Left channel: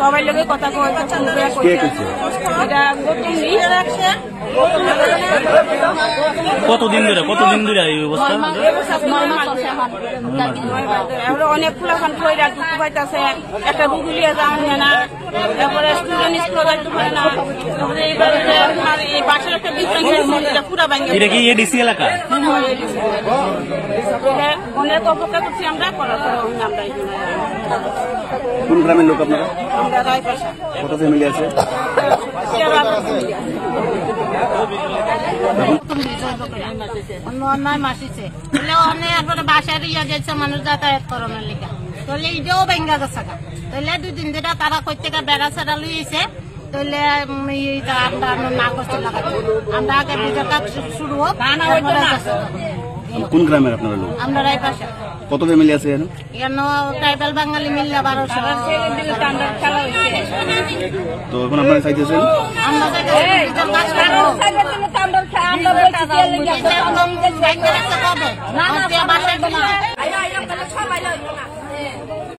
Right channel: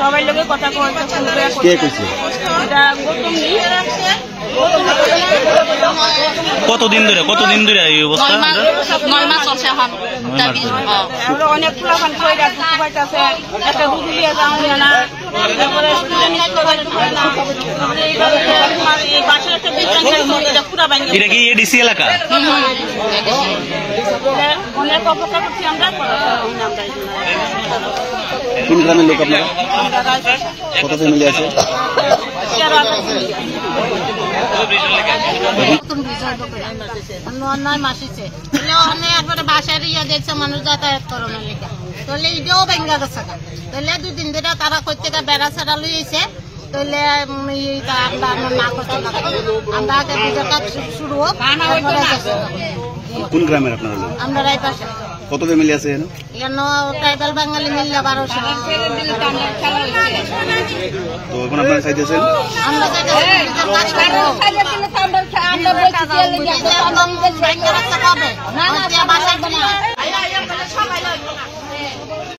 সবাই লোকে কথা কতদিন ধরে এই অবস্থা? 9 মাস আছে এখন। অনেক ফুলাফান কইরা দুঃখ পাইতেছে, একটা রুগী লিয়ে যাওয়া না, তারপরে স্টুডেন্ট স্কুলে যাইতে পারে না, এই বাসার একটা পুরা ব্যাংক এটা কি এডিসি এলাকা? অনেক অপেক্ষা করছি আমরা, পড়াশোনা হই না আমরা। কোন গ্রামের লোক আপনারা? কত ফ্যামিলি আছে? বাসার ইয়া দিয়েছে মানুষ যাতায়াত করানোর লিখা, তাহলে এটাও ভেঙ্গা গেছে। তাহলে 2 দিন ধরে তারা কই থেকে বেড়া ছাড়া লইছে, তাহলে আমরা না করতে লাগে। আমরা আগে দুটো কাজ শুরু হোক। কোন গ্রামের আপনারা লোক? আমরা রাই পাশে। কত ফ্যামিলি আছে এখানে? এখানে ট্রাইবাল বাঙালি মিললে 1200। তো এখন আপনারা চাইতেছেন? আমরা কাজ করবো।